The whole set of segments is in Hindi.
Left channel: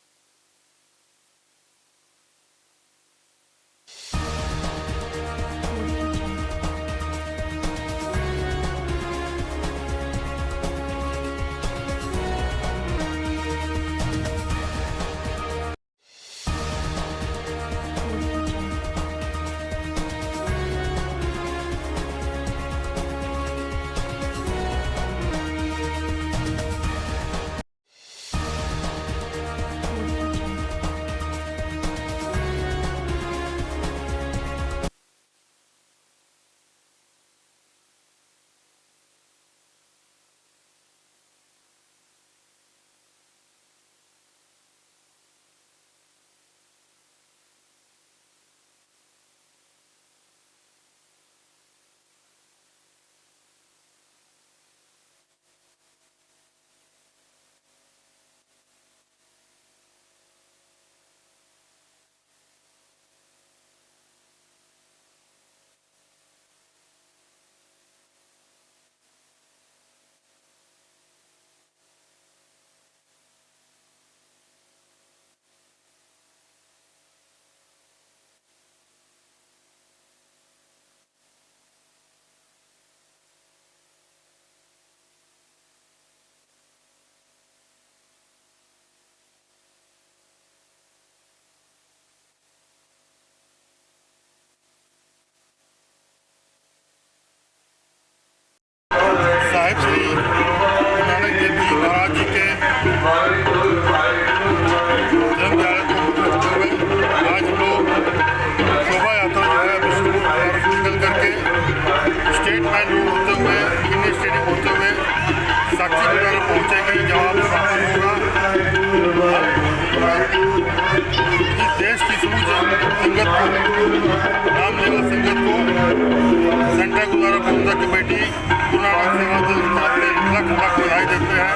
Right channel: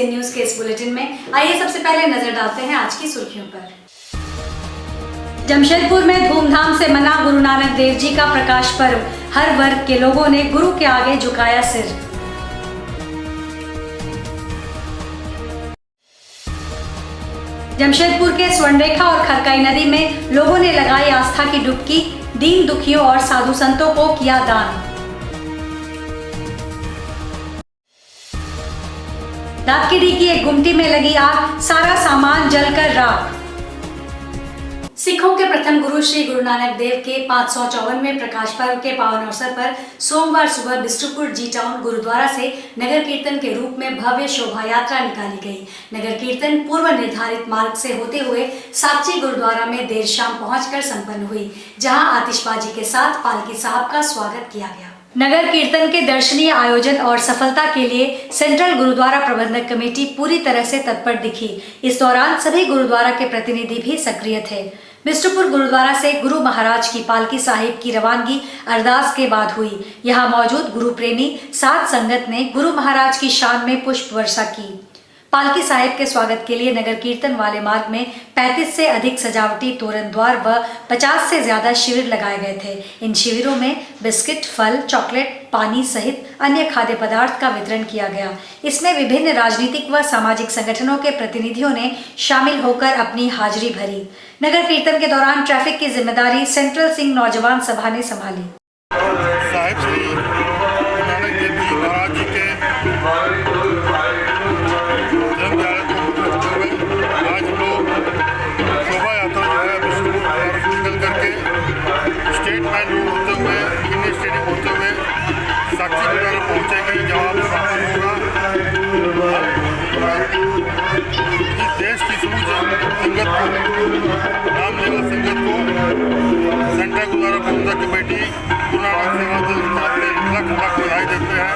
ICN न्यूज के इस बुलेटिन में आइए सबसे पहले नजर डालते हैं आज की सुर्खियों पर। जमशेदपुर में धूमधाम से मना गुरु नानक देव जी का प्रकाश पर्व। हर वर्ग के लोगों ने गुरु के आगे झुकाया सिर। जमशेदपुर के स्वर्णरेखा और खरकाई नदी में लोगों ने लगाई आस्था की डुबकी। दीन दुखियों और साधु संतों को किया दान। दातकीडी की एक गुमटी में लगी आग, सारा सामान जलकर राख। सिखों के प्रथम गुरु श्री गुरु नानक देव के 554वें प्रकाश पर्व के पावन अवसर पर सोमवार सुबह बिष्टुपुर जी टाउन गुरुद्वारा से नगर कीर्तन के रूप में भव्य शोभा यात्रा निकाली गई। नगर कीर्तन पूर्व निर्धारित मार्ग से होते हुए साक्षी गुरुद्वारा में देर शाम पहुंचकर संपन्न हुई, जहां आतिशबाजी के साथ पालकी साहब का स्वागत किया गया। नगर कीर्तन के दर्शनीय आयोजन और सफलता के लिए सेंट्रल गुरुद्वारा प्रबंधक कमेटी पूरी तरह से तत्पर दिखी। इस दौरान सभी गुरुद्वारा के प्रतिनिधि भी सक्रिय थे। बिष्टुपुर गुरुद्वारा से गुरु महाराज की पालकी साहिब की रवानगी अरदास के बाद हुई। यहाँ मौजूद गुरु प्रेमी साध संगत ने गुरु महाराज की शान में पुष्प वर्षा की। पालकी साहिब के स्वागत के लिए नगर कीर्तन वाले मार्ग में 35 से अधिक सजावटी तोरण द्वार व 50 से ज्यादा शिविर लगाए गए थे। इन शिविरों में बिस्किट, फल, चॉकलेट, पानी सहित अन्य खाद्य पदार्थ का वितरण किया गया। इसमें विभिन्न राजनीतिक व सामाजिक संगठनों के प्रतिनिधियों ने शामिल होकर अपनी हाजिरी भरी। नगर कीर्तन के दौरान ट्रैफिक की जिम्मेदारी सेंट्रल सिंह नौजवान सभा ने संभाली। साहिब श्री नानक देव जी महाराज जी के आज हम लोग शोभा यात्रा जो है बिष्टुपुर से निकल करके स्टेट मेन रोड होते हुए इंडियन स्टेडियम होते हुए साक्षी गुरुद्वारा पहुँचेंगे, जहाँ समापन होगा। इस देश की समूह संगत को, रामलीला संगत को सेंट्रल गुरुद्वारा प्रबंधक कमेटी गुरु नानक सेवा दल की तरफ से लख लख बधाई देते हैं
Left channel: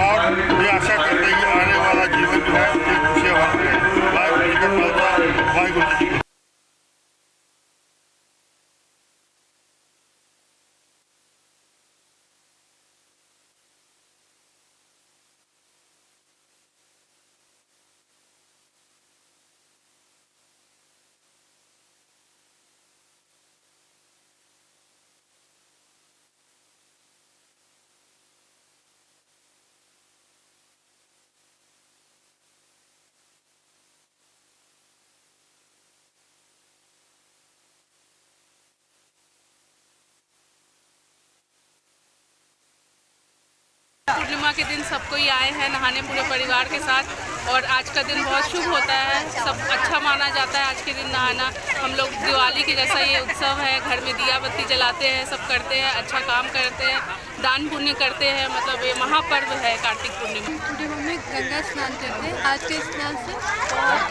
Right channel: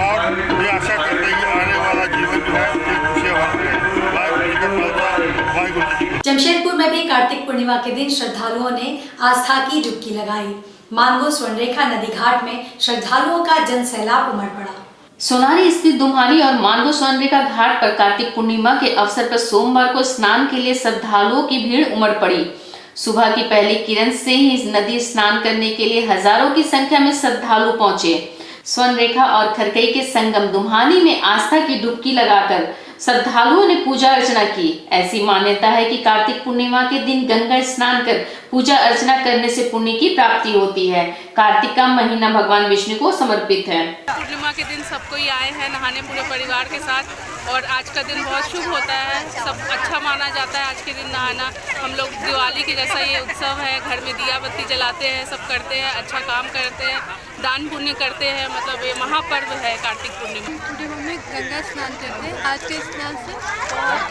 और ये आशा करते हैं कि आने वाला जीवन जो है खुशियाँ भर रहे। जमशेदपुर में भी कार्तिक पूर्णिमा के दिन श्रद्धालुओं ने आस्था की डुबकी लगाई। मानगो स्वर्णरेखा नदी घाट में श्रद्धालुओं का जन सैलाब उमड़ पड़ा। सोनारी स्थित दुम्हानी और मानगो स्वर्णरेखा घाट पर कार्तिक पूर्णिमा के अवसर पर सोमवार को स्नान के लिए श्रद्धालुओं की भीड़ उमड़ पड़ी। सुबह की पहली किरण से ही नदी स्नान करने के लिए हजारों की संख्या में श्रद्धालु पहुंचे। स्वर्णरेखा और खरकई के संगम दुम्हानी में आस्था की डुबकी लगाकर श्रद्धालुओं ने पूजा अर्चना की। ऐसी मान्यता है कि कार्तिक पूर्णिमा के दिन गंगा स्नान कर पूजा अर्चना करने से पुण्य की प्राप्ति होती है। कार्तिक का महीना भगवान विष्णु को समर्पित है। पूर्णिमा के दिन सब कोई आए हैं नहाने पूरे परिवार के साथ, और आज का दिन बहुत शुभ होता है। सब अच्छा माना जाता है आज के दिन नहाना। हम लोग दिवाली के जैसा ये उत्सव है, घर में दिया बत्ती जलाते हैं, सब करते हैं, अच्छा काम करते हैं, दान पुण्य करते हैं। मतलब ये महापर्व है कार्तिक पूर्णिमा में गंगा स्नान करते हैं। आज के स्नान से बहुत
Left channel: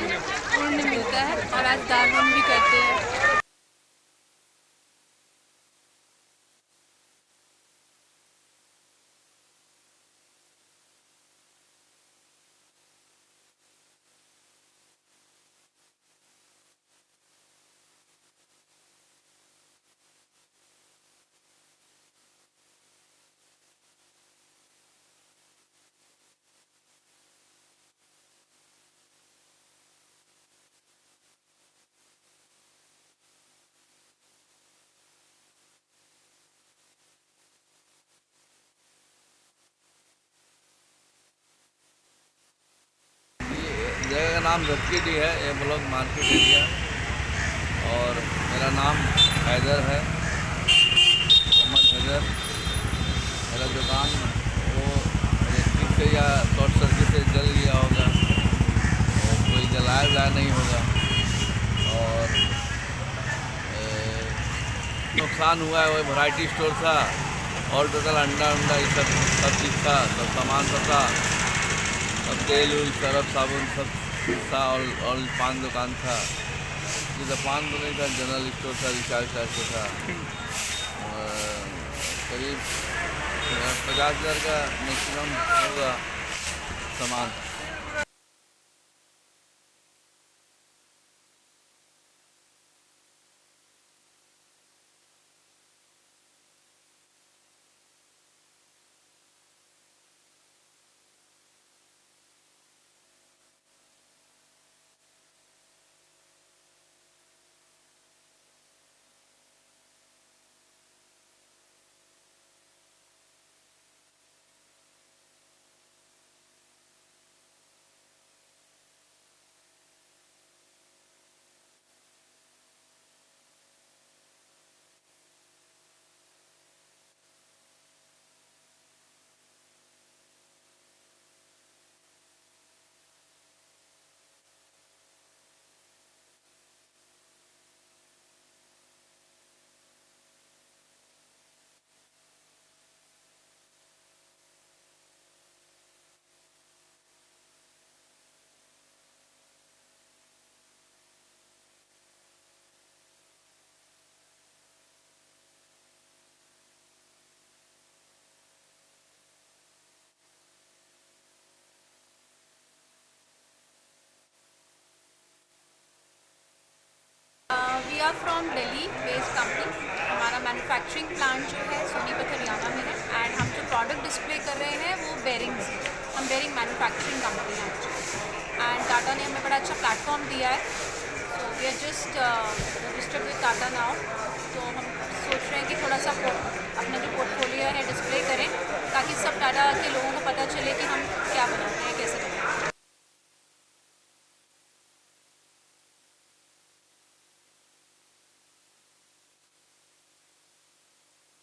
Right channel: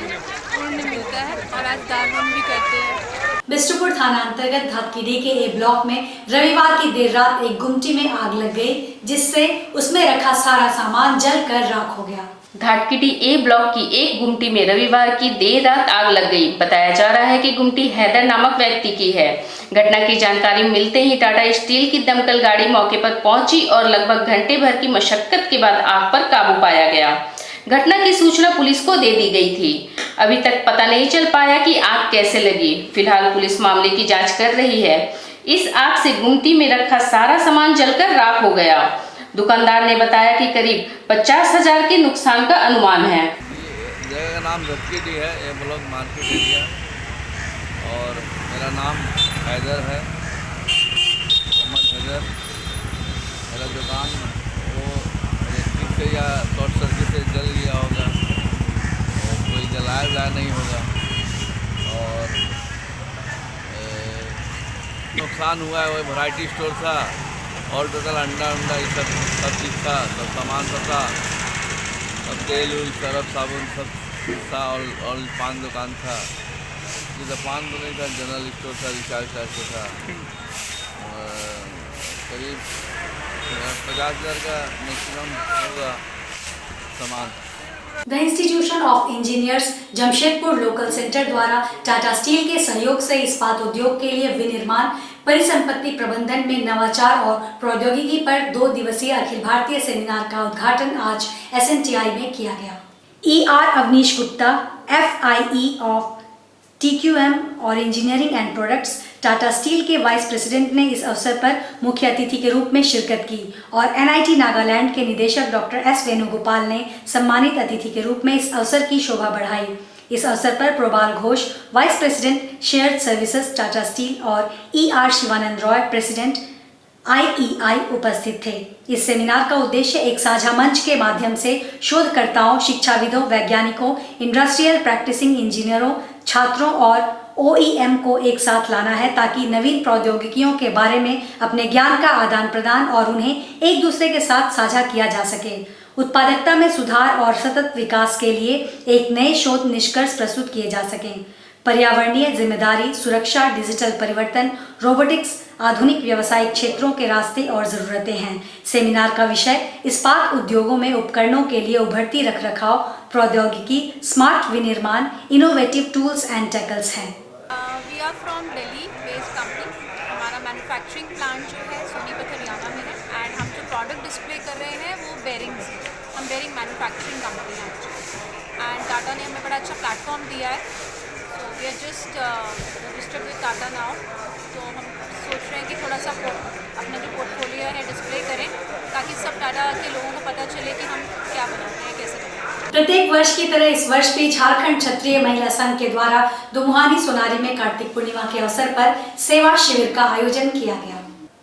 पुण्य मिलता है और आज दान भी करते हैं। बिष्टुपुर थाना अंतर्गत धातकीडी के ए ब्लॉक में रविवार की देर रात एक गुमटी में आग लग गई, जिससे उसमें रखा सारा सामान जलकर राख हो गया। धाटकीडी ए ब्लॉक की एक गुमटी में रविवार की देर रात आग लग गई। बताया जा रहा है कि गुमटी हैदर नामक व्यक्ति की है। घटना की जानकारी मिलते ही टाटा स्टील की दमकल गाड़ी मौके पर पहुंची और लगभग घंटे भर की मशक्कत के बाद आग पर काबू पाया गया। घटना की सूचना पुलिस को दे दी गई थी। अभी तक पता नहीं चल पाया कि आग कैसे लगी। फिलहाल पुलिस मामले की जाँच कर रही है। इस आग से गुमटी में रखा सारा सामान जलकर राख हो गया। दुकानदार ने बताया कि करीब 50,000 के नुकसान का अनुमान है। जगह का नाम धाटकीडी है, ये ब्लॉक मार्केट एरिया, और मेरा नाम हैदर है, मोहम्मद हैदर। मेरा दुकान वो इलेक्ट्रिक से या शॉर्ट सर्किट से जल गया होगा और कोई जलाया नहीं होगा, और नुकसान हुआ है। वो वैरायटी स्टोर था और टोटल अंडा ये सब चीज़ था, सब सामान सब था, सब तेल उल सरफ साबुन सब था, और पान दुकान था। जिधर पान तो नहीं था, जनरल स्टोर था, रिचार्ज टाइप से था। करीब 50,000 का मैक्सिमम होगा सामान। The institution of engineers Jamshedpur local centre द्वारा टाटा स्टील के सहयोग से इस्पात उद्योग के लिए विनिर्माण, परिसंपत्ति प्रबंधन में नवाचार और प्रौद्योगिकी पर 2 दिवसीय अखिल भारतीय सेमिनार का उद्घाटन आज SNTI में किया गया। ER Avneesh Gupta FIE of TQM और engineering and products Tata steel के वाइस प्रेसिडेंट ने इस अवसर पर मुख्य अतिथि के रूप में शिरकत की और NIT नागालैंड के निदेशक डॉक्टर S वेणुगोपाल ने सम्मानित अतिथि के रूप में इस अवसर की शोभा बढ़ाई। इस अवसर पर Probal Ghosh vice president shared services Tata steel और ER Shivanand Roy president IEI उपस्थित थे। इस सेमिनार का उद्देश्य एक साझा मंच के माध्यम से शोधकर्ताओं, शिक्षाविदों, वैज्ञानिकों, इंडस्ट्रियल प्रैक्टिसिंग इंजीनियरों, छात्रों और OEM को एक साथ लाना है ताकि नवीन प्रौद्योगिकियों के बारे में अपने ज्ञान का आदान प्रदान और उन्हें एक दूसरे के साथ साझा किया जा सके। उत्पादकता में सुधार और सतत विकास के लिए एक नए शोध निष्कर्ष प्रस्तुत किए जा सकें। पर्यावरणीय जिम्मेदारी, सुरक्षा, डिजिटल परिवर्तन, रोबोटिक्स, आधुनिक व्यावसायिक क्षेत्रों के रास्ते और ज़रूरतें हैं। सेमिनार का विषय इस्पात उद्योगों में उपकरणों के लिए उभरती रखरखाव प्रौद्योगिकी, स्मार्ट विनिर्माण, इनोवेटिव टूल्स एंड टेकल्स है। We are from Delhi based company. हमारा मैन्युफैक्चरिंग प्लांट जो है सोनीपत हरियाणा में है एंड हम जो प्रोडक्ट डिस्प्ले कर रहे हैं वो बेरिंग्स है। हम बेरिंग मैन्युफैक्चरिंग कंपनी है एंड टाटा ने हमें बड़ा अच्छा प्लेटफॉर्म दिया है। So we are just registered with Tata now. तो हम सोच रहे हैं कि थोड़ा सा अपना जो पोर्टफोलियो है डिस्प्ले करें ताकि सब टाटा के लोगों को पता चले कि हम क्या बनाते हैं, कैसे बनाते हैं। प्रत्येक वर्ष की तरह इस वर्ष भी झारखंड क्षत्रिय महिला संघ के द्वारा दुमुहानी सोनारी में कार्तिक पूर्णिमा के अवसर पर सेवा शिविर का आयोजन किया गया।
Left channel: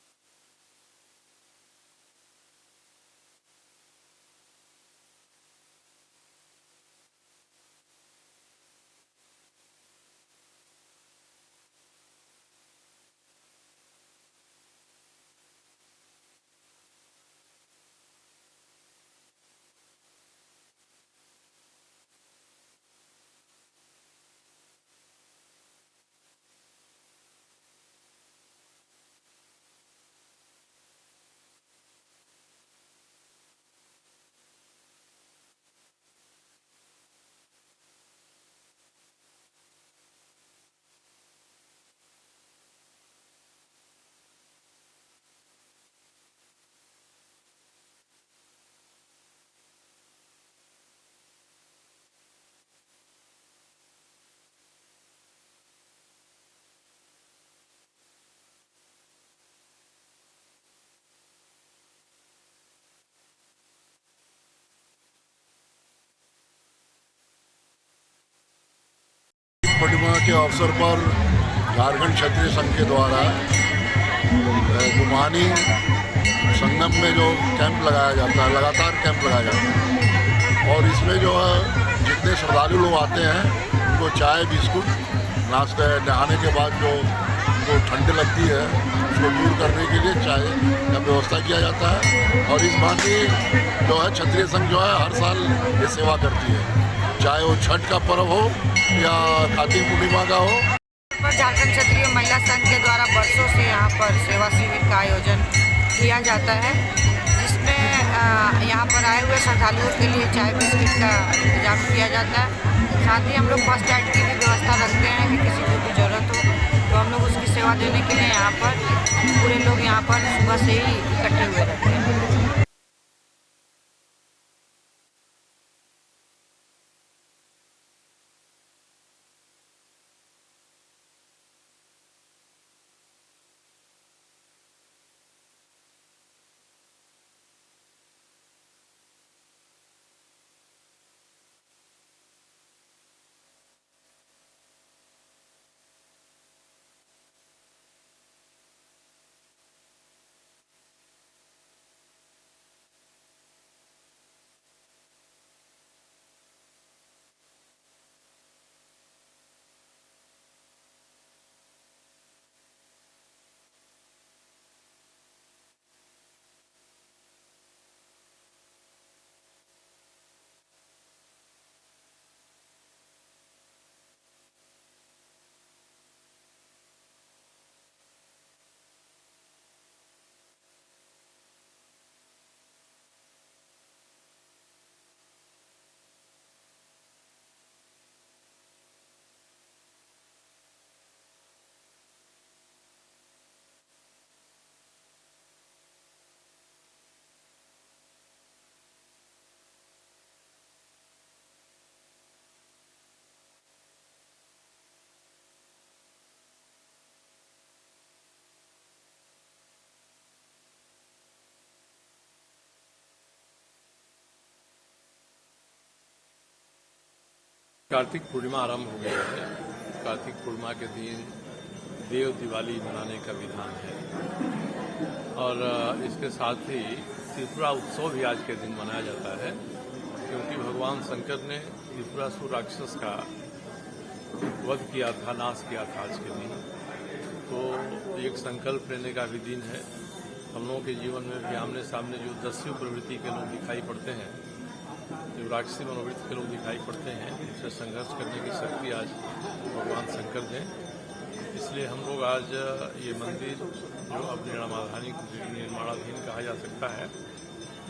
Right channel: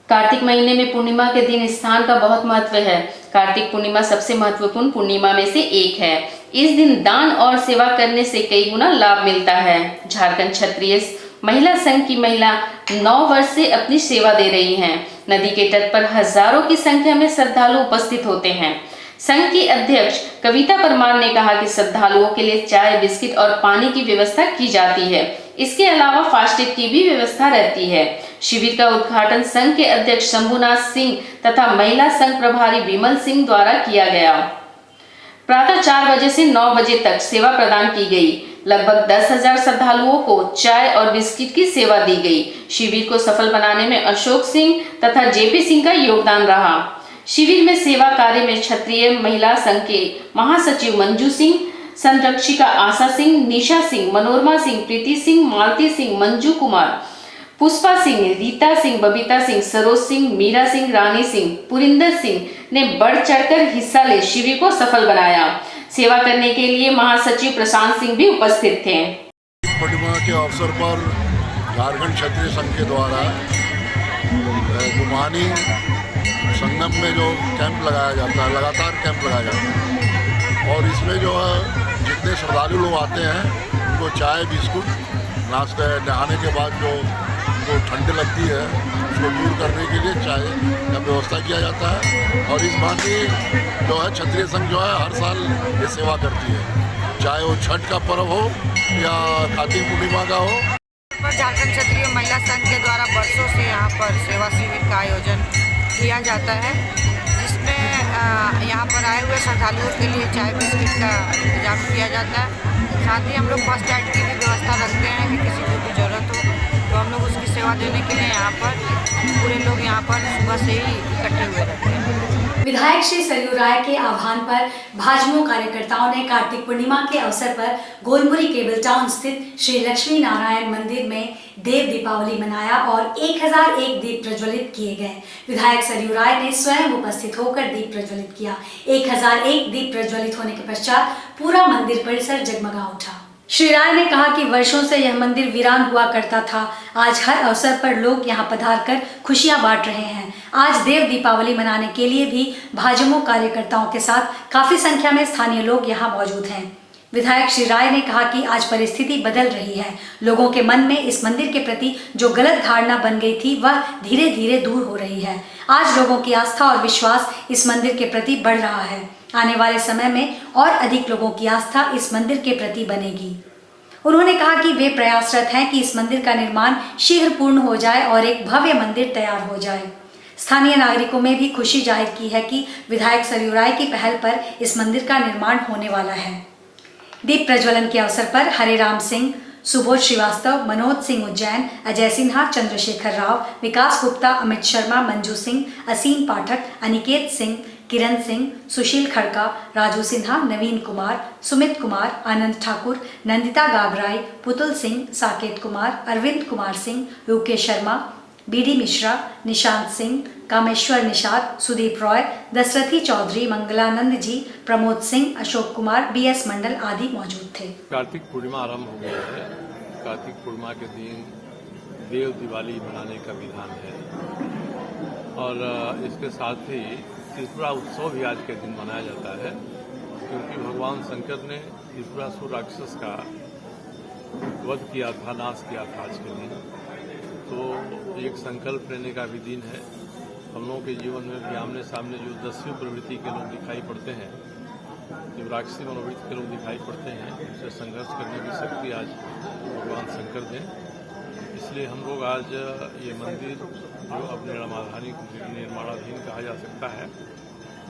कार्तिक महीने में पूर्णिमा के दिन स्थान का बहुत महत्व है। कार्तिक पूर्णिमा सबसे महत्वपूर्ण पूर्णिमा में से एक है। इस दिन दान और सेवा करने से कई गुना लाभ मिलता है। झारखंड क्षत्रिय महिला संघ की महिला 9 वर्ष से अपनी सेवा दे रही हैं। नदी के तट पर हजारों की संख्या में श्रद्धालु उपस्थित होते हैं। संघ की अध्यक्ष कविता परमार ने कहा कि श्रद्धालुओं के लिए चाय, बिस्किट और पानी की व्यवस्था की जाती है। इसके अलावा फास्टेड की भी व्यवस्था रहती है। शिविर का उद्घाटन संघ के अध्यक्ष शंभुनाथ सिंह तथा महिला संघ प्रभारी विमल सिंह द्वारा किया गया। प्रातः 4 बजे से 9 बजे तक सेवा प्रदान की गई। लगभग 10,000 श्रद्धालुओं को चाय और बिस्किट की सेवा दी गई। शिविर को सफल बनाने में अशोक सिंह तथा JP सिंह का योगदान रहा। शिविर में सेवा कार्य में क्षत्रिय महिला संघ के महासचिव मंजू सिंह, संरक्षिका आशा सिंह, निशा सिंह, मनोरमा सिंह, प्रीति सिंह, मालती सिंह, मंजू कुमार, पुष्पा सिंह, रीता सिंह, बबीता सिंह, सरोज सिंह, मीरा सिंह, रानी सिंह, पुरिंदर सिंह ने बढ़ चढ़कर हिस्सा ले शिविर को सफल बनाया। सेवा करने के लिए महासचिव प्रशांत सिंह भी उपस्थित थे। पूर्णिमा के अवसर पर झारखंड क्षत्रिय संघ के द्वारा दुमुहानी संगम में जो कैंप लगाया जाता है, लगातार कैंप लगाया जाता है और इसमें जो है जितने श्रद्धालु लोग आते हैं उनको चाय, बिस्कुट, नाश्ता, नहाने के बाद जो ठंड लगती है उसको दूर करने के लिए चाय का व्यवस्था किया जाता है। और इस भांति जो है क्षत्रिय संघ जो है हर साल ये सेवा करती है, चाहे वो छठ का पर्व हो या कार्तिक पूर्णिमा का हो। झारखंड क्षत्रिय महिला संघ के द्वारा वर्षों से यहाँ पर सेवा शिविर का आयोजन किया जाता है, जिसमें यहाँ पर आए हुए श्रद्धालुओं के लिए चाय बिस्किट का इंतजाम किया जाता है। साथ ही हम लोग फर्स्ट एड की भी व्यवस्था रखते हैं कि किसी को भी ज़रूरत हो तो हम लोग उसकी सेवा देने के लिए यहाँ पर पूरे लोग यहाँ पर सुबह से ही इकट्ठे हुए रहते हैं। विधायक श्री सरयू राय के आह्वान पर भाजपा कार्यकर्ताओं ने कार्तिक पूर्णिमा के अवसर पर गोलमुरी केबल टाउन स्थित श्री लक्ष्मी नारायण मंदिर में देव दीपावली मनाया और 1001 दीप प्रज्वलित किए गए। विधायक सरयू राय ने स्वयं उपस्थित होकर दीप प्रज्वलित किया। 1001 दीप प्रज्वलित होने के पश्चात पूरा मंदिर परिसर जगमगा उठा। श्री राय ने कहा कि वर्षों से यह मंदिर वीरान हुआ करता था। आज हर अवसर पर लोग यहां पधार कर खुशियां बांट रहे हैं। आज देव दीपावली मनाने के लिए भी भाजपा कार्यकर्ताओं के साथ काफी संख्या में स्थानीय लोग यहां मौजूद हैं। विधायक श्री राय ने कहा कि आज परिस्थिति बदल रही है। लोगों के मन में इस मंदिर के प्रति जो गलत धारणा बन गई थी वह धीरे धीरे दूर हो रही है। आज लोगों की आस्था और विश्वास इस मंदिर के प्रति बढ़ रहा है। आने वाले समय में और अधिक लोगों की आस्था इस मंदिर के प्रति बनेगी। उन्होंने कहा कि वे प्रयासरत हैं कि इस मंदिर का निर्माण शीघ्र पूर्ण हो जाए और एक भव्य मंदिर तैयार हो जाए। स्थानीय नागरिकों में भी खुशी जाहिर की है कि विधायक सरयू राय की पहल पर इस मंदिर का निर्माण होने वाला है। दीप प्रज्वलन के अवसर पर हरे राम सिंह, सुबोध श्रीवास्तव, मनोज सिंह उज्जैन, अजय सिन्हा, चंद्रशेखर राव, विकास गुप्ता, अमित शर्मा, मंजू सिंह, असीम पाठक, अनिकेत सिंह, किरण सिंह, सुशील खड़का, राजू सिन्हा, नवीन कुमार, सुमित कुमार, आनंद ठाकुर, नंदिता गागराई, पुतुल सिंह, साकेत कुमार, अरविंद कुमार सिंह, यूके शर्मा, बीडी मिश्रा, निशांत सिंह, कामेश्वर निषाद, सुदीप रॉय, दशरथी चौधरी, मंगलानंद जी, प्रमोद सिंह, अशोक कुमार, बीएस मंडल आदि मौजूद थे। कार्तिक पूर्णिमा आरंभ हो गया है। कार्तिक पूर्णिमा के दिन देव दिवाली मनाने का विधान है और इसके साथ ही त्रिपुरा उत्सव भी आज के दिन मनाया जाता है, क्योंकि भगवान शंकर ने त्रिपुरासुर राक्षस का वध किया था, नाश किया था आज के दिन। तो एक संकल्प लेने का भी दिन है। हम लोगों के जीवन में भी आमने सामने जो दस्यु प्रवृत्ति के लोग दिखाई पड़ते हैं, जो राक्षसी मनोवृत्ति के लोग दिखाई पड़ते हैं, उनसे संघर्ष करने की शक्ति आज भगवान शंकर दें। इसलिए हम लोग आज ये मंदिर जो अब निर्माणाधीन कहा जा सकता है,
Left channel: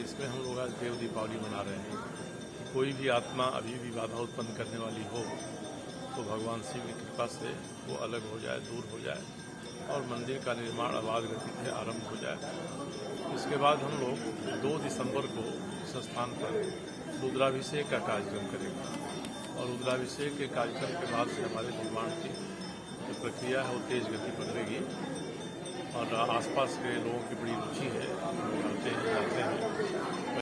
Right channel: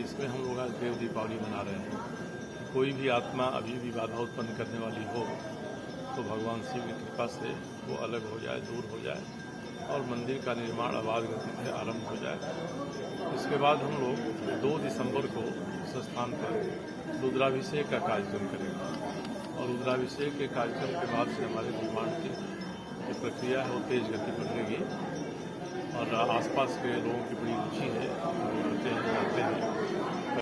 इसमें हम लोग आज देव दीपावली मना रहे हैं। कि कोई भी आत्मा अभी भी बाधा उत्पन्न करने वाली हो तो भगवान शिव की कृपा से वो अलग हो जाए, दूर हो जाए और मंदिर का निर्माण आबाद गति से आरंभ हो जाए। इसके बाद हम लोग 2 दिसंबर को इस स्थान पर रुद्राभिषेक का कार्यक्रम करेंगे और रुद्राभिषेक के कार्यक्रम के बाद से हमारे निर्माण की जो प्रक्रिया है वो तेज गति पकड़ेगी और आसपास के लोगों की बड़ी रुचि है, लोग आते हैं, जाते हैं।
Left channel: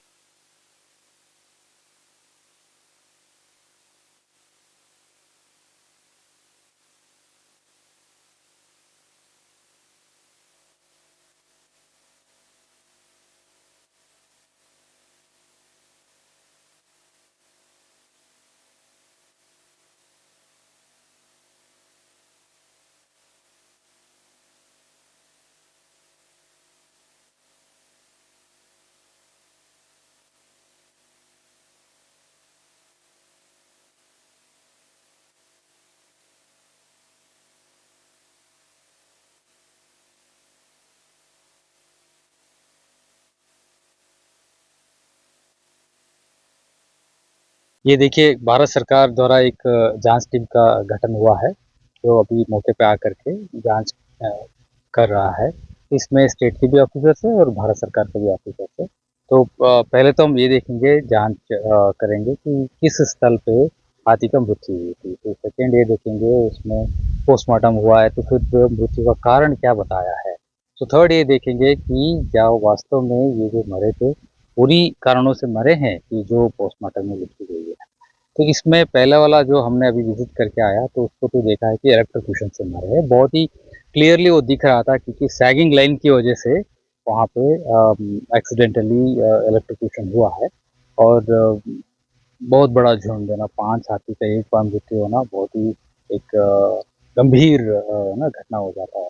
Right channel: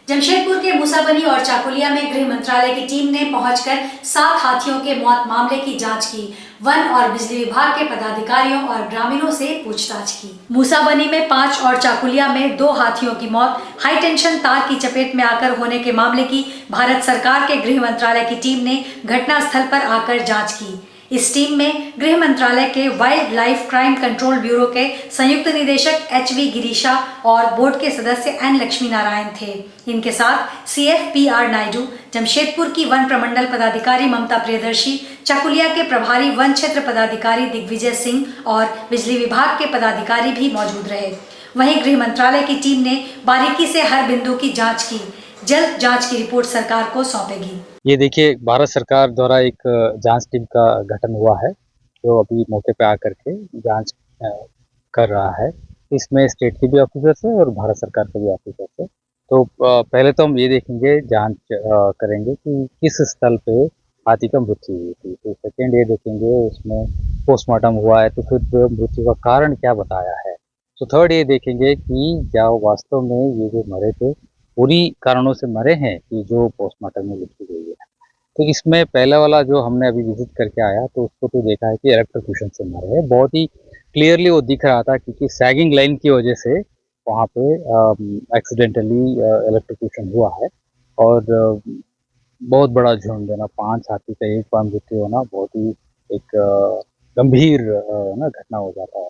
जमशेदपुर के मूसाबनी और चाकुलिया में गृह मंत्रालय की टीम ने पहुंचकर 7 हाथियों के मौत मामले की जांच की। वन और बिजली विभाग के पदाधिकारियों और ग्रामीणों से पूछताछ की। मूसाबनी में 5 और चाकुलिया में 2 हाथियों की मौत हाई टेंशन तार की चपेट में आकर होने के मामले की भारत सरकार के गृह मंत्रालय की टीम ने घटनास्थल पर आकर जाँच की। इस टीम में गृह मंत्रालय के wild life crime control bureau के संयुक्त निदेशक HV गिरीशा और बोर्ड के सदस्य N लक्ष्मी नारायण थे। इनके साथ CFPR नायडू, जमशेदपुर की वन प्रमंडल पदाधिकारी ममता प्रियदर्शी, चाकुलिया के प्रभारी वन क्षेत्र पदाधिकारी दिग्विजय सिंह और बिजली विभाग के पदाधिकारी भी मौजूद रहे। वहीं गृह मंत्रालय की टीम ने बारीकी से हर बिंदु की जाँच की। जल्द जांच की रिपोर्ट सरकार को सौंपेगी। ये देखिए, भारत सरकार द्वारा एक जांच टीम का गठन हुआ है जो अभी मौके पे आकर के जांच कर रहा है। इसमें स्टेट के भी ऑफिसर्स है और भारत सरकार के भी ऑफिसर्स है। तो पहले तो हम ये देखेंगे, जांच करेंगे कि किस स्थल पे हाथी का मृत्यु हुई थी। तो सेकेंड ये देखेंगे उसमें पोस्टमार्टम हुआ है तो फिर मृत्यु का कारण क्या बताया है। तो थर्ड ये देखेंगे कि क्या वास्तव में ये जो मरे थे पूरी कारणों से मरे हैं कि जो पोस्टमार्टम में लिखी गई है। तो इसमें पहला वाला जो हमने अभी विजिट करके आया तो उसको तो देखा है कि इलेक्ट्रोक्यूशन से मरे हैं। बहुत ही क्लियरली वो दिख रहा था क्योंकि सैगिंग लाइन की वजह से वहाँ पे एक्सीडेंटली इलेक्ट्रोक्यूशन हुआ है और बहुत बड़ा झुंड है ना, 5 हाथी का एक बार मृत्यु होना बहुत ही एक गंभीर ना घटना हो जाता है।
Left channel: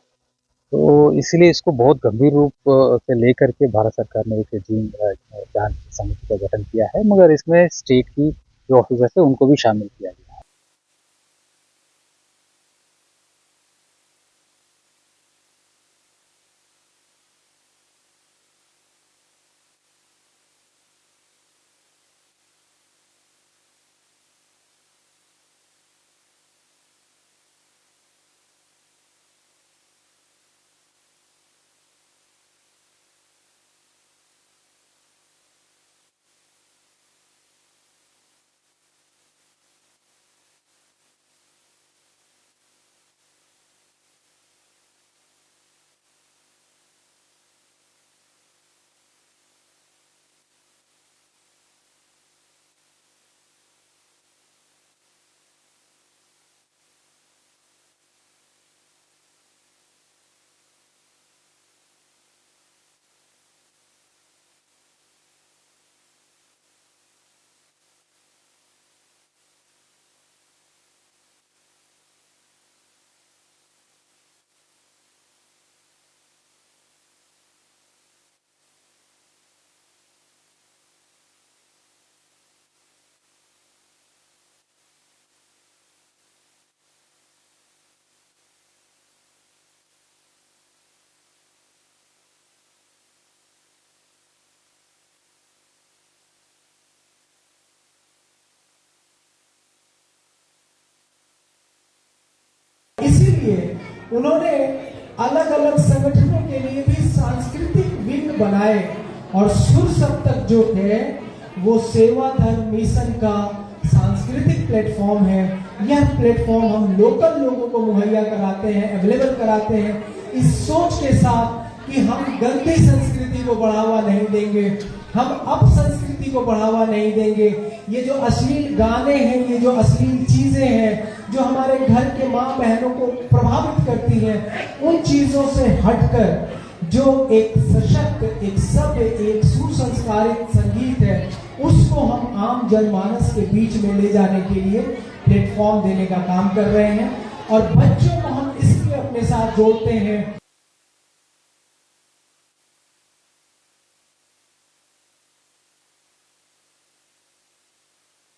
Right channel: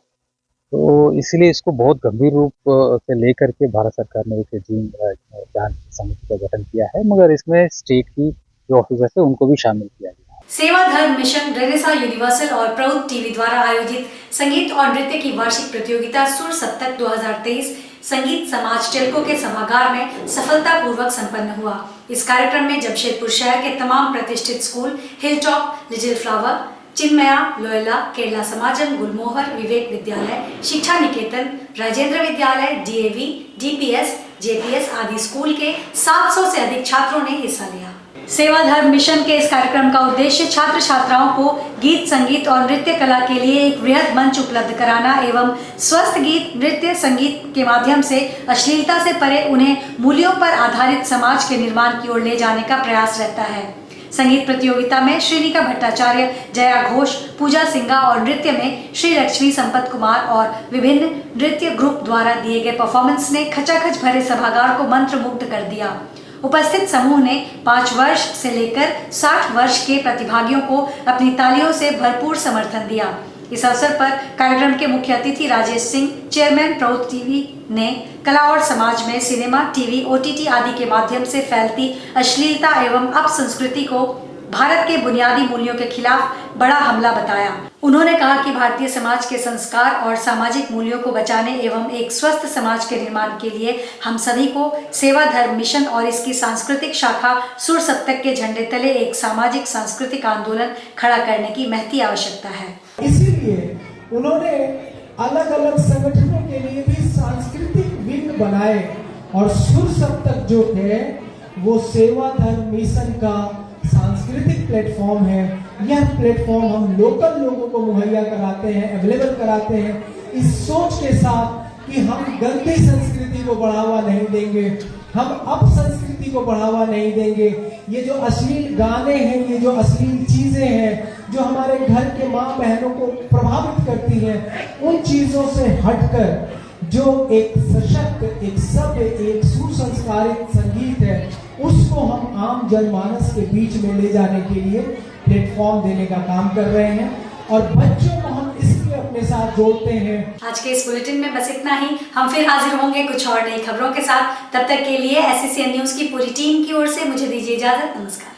तो इसलिए इसको बहुत गंभीर रूप से लेकर के भारत सरकार ने एक जांच समिति का गठन किया है, मगर इसमें स्टेट की जो ऑफिसर्स है उनको भी शामिल किया गया है। सेवा धर्म मिशन, रेनेसा यूनिवर्सल और प्रौद्ध टीवी द्वारा आयोजित संगीत और नृत्य की वार्षिक प्रतियोगिता सुर सप्तक 2023 संगीत समाज टेल्को के सभागार में सफलतापूर्वक संपन्न हुआ। इस कार्यक्रम में जमशेदपुर शहर के तमाम प्रतिष्ठित school, Hilltop, Little Flower, Chinmaya, Loyola, Kerala Samajam, Gulmohar, Vivek Vidyalaya, Shiksha Niketan, Rajendra Vidyalaya, DAV, DPS, JPS आदि स्कूल के 700 से अधिक छात्रों ने हिस्सा लिया। सेवा धर्म मिशन के इस कार्यक्रम का उद्देश्य छात्र छात्राओं को गीत, संगीत और नृत्य कला के लिए एक वृहद मंच उपलब्ध कराना एवं स्वस्थ गीत, नृत्य, संगीत के माध्यम से अश्लीलता से परे उन्हें मूल्यों पर आधारित समाज के निर्माण की ओर ले जाने का प्रयास रहता है। संगीत प्रतियोगिता में श्रीनिका भट्टाचार्य, जया घोष, पूजा सिंघा और नृत्य में श्री लक्ष्मी, संपत कुमार और विभिन्न नृत्य ग्रुप द्वारा दिए गए परफॉर्मेंस ने खचाखच भरे सभागार को मंत्रमुग्ध कर दिया। उपस्थित समूह ने 5 वर्ष से लेकर 60 वर्ष के प्रतिभागियों को अपनी तालियों से भरपूर समर्थन दिया। इस अवसर पर कार्यक्रम के मुख्य अतिथि राजेश सिंह, चेयरमैन प्रौद्ध टीवी, ने कला और समाज में सिनेमा, टीवी, OTT आदि के माध्यम से फैलती अश्लीलता एवं अपसंस्कृति को भारत के बुनियादी मूल्यों के खिलाफ बड़ा हमला बताया। उन्होंने कहा कि भारतीय समाज के संस्कार और सामाजिक मूल्यों को बचाने एवं एक स्वस्थ समाज के निर्माण के लिए हम सभी को सेवा धर्म मिशन और इसकी सांस्कृतिक शाखा सुर सप्तक के झंडे तले एक सामाजिक सांस्कृतिक आंदोलन खड़ा करने की महती आवश्यकता है। इसीलिए उन्होंने अलग अलग संगठनों के लिए भी सांस्कृतिक विंग बनाए और सुर सप्तक जो है वो सेवा धर्म मिशन का सांस्कृतिक प्लेटफॉर्म है। यह प्लेटफॉर्म हम लोकल लोगों को मुहैया कराते हैं, अवेलेबल कराते हैं, इस सोच के साथ कि हम गंदी संस्कृति को बढ़ावा नहीं देंगे, हम अपसंस्कृति को बढ़ावा नहीं देंगे। ये जो अश्लील गाने हैं, ये जो अश्लील चीजें हैं जो हमारे घर के माँ बहनों को प्रभावित करती हैं, उन चीजों से हटकर जो एक सशक्त, एक सभ्य, एक सुसंस्कारित संगीत है, उसको हम आम जनमानस के बीच में ले जाने के लिए प्लेटफॉर्म देने का काम कर रहे हैं और बच्चों को हम इसलिए अपने साथ जोड़ते हैं। आज के इस बुलेटिन में बस इतना ही। हम फिर हाजिर होंगे कुछ और नई खबरों के साथ। तब तक के लिए SCCN न्यूज की पूरी टीम की ओर से मुझे दीजिए इजाजत। नमस्कार।